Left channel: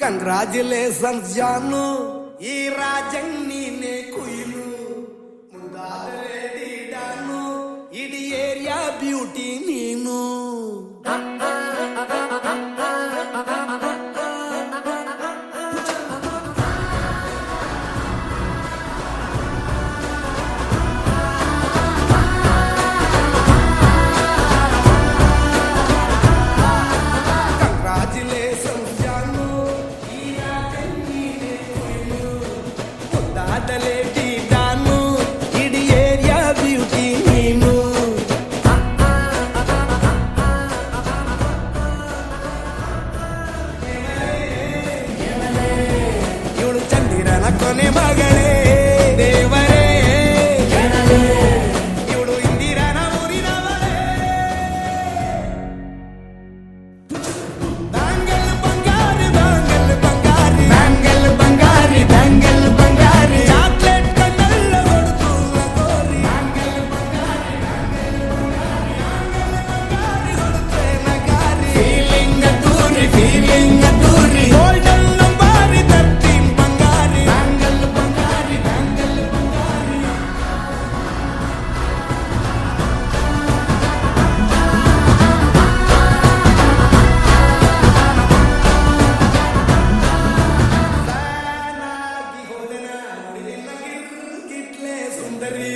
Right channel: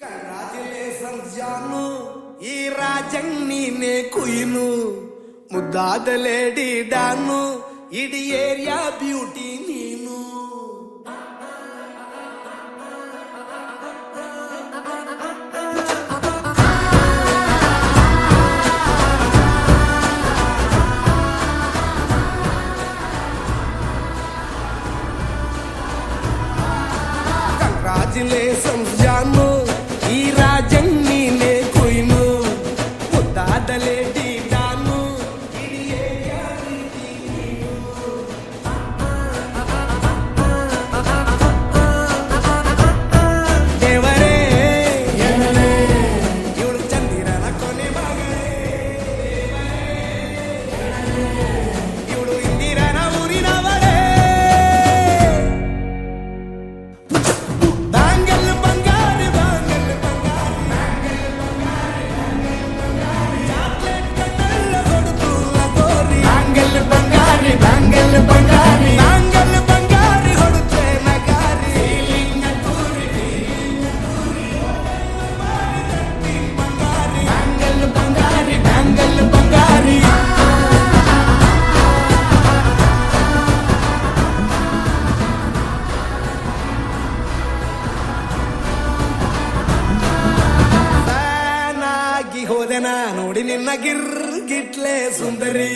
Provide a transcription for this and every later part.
Congratulations Janu ఈ రాజం నీనే కుయిను. ముద్దాదలేడి డాను ఇది ఏరియా బ్యూటీ నేను. Congratulations ನಾ ನೋಡಿ ನಿನ್ನ ಗಿರ್ಗಿಟ್ಲೆ ಸುಂದರಿ.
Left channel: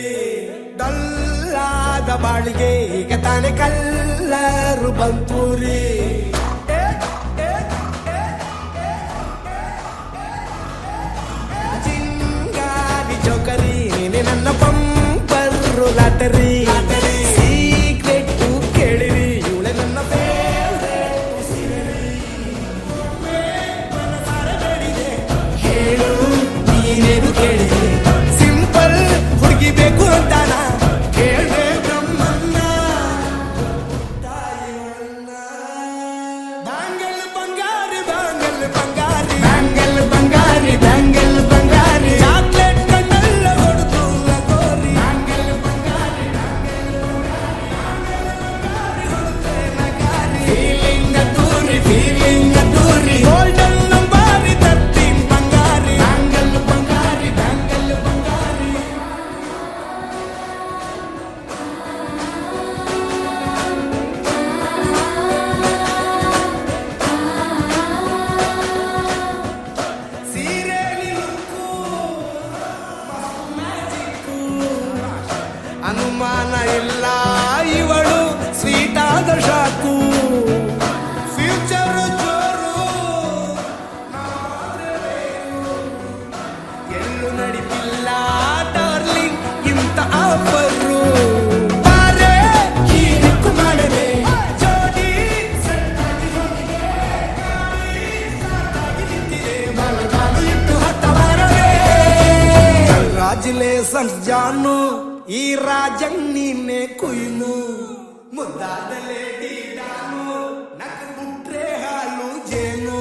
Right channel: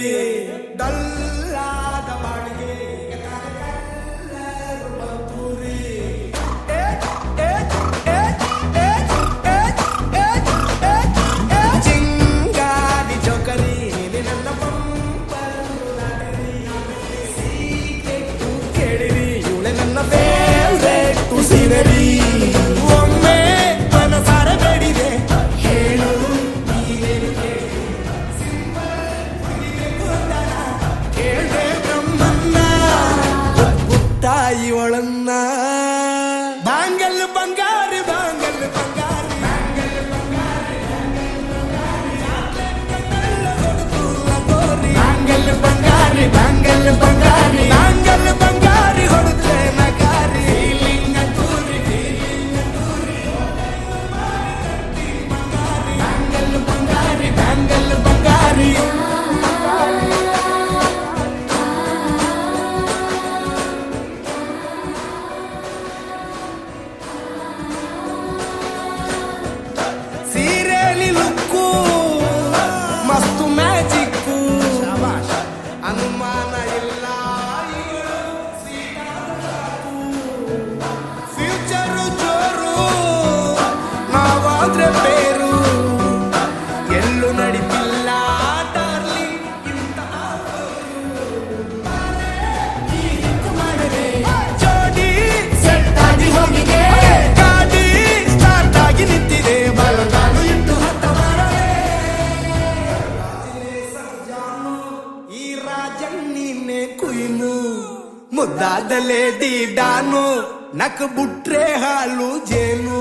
ಡಲ್ಲಾದ ಬಾಳಿಗೆ ಈಗ ತಾನೆ ಕಲ್ಲರು ಬಂತೂರಿ. ಸಂಜಾನು ಈ ರಾಜನ್ ನೀನೆ ಕುಯ್ನು ಮುದ್ದಾದಲೆ ಡೀಡಾನು ನಕ್ ಬುಟ್ರೆ ಹಾಲು ಜೇನು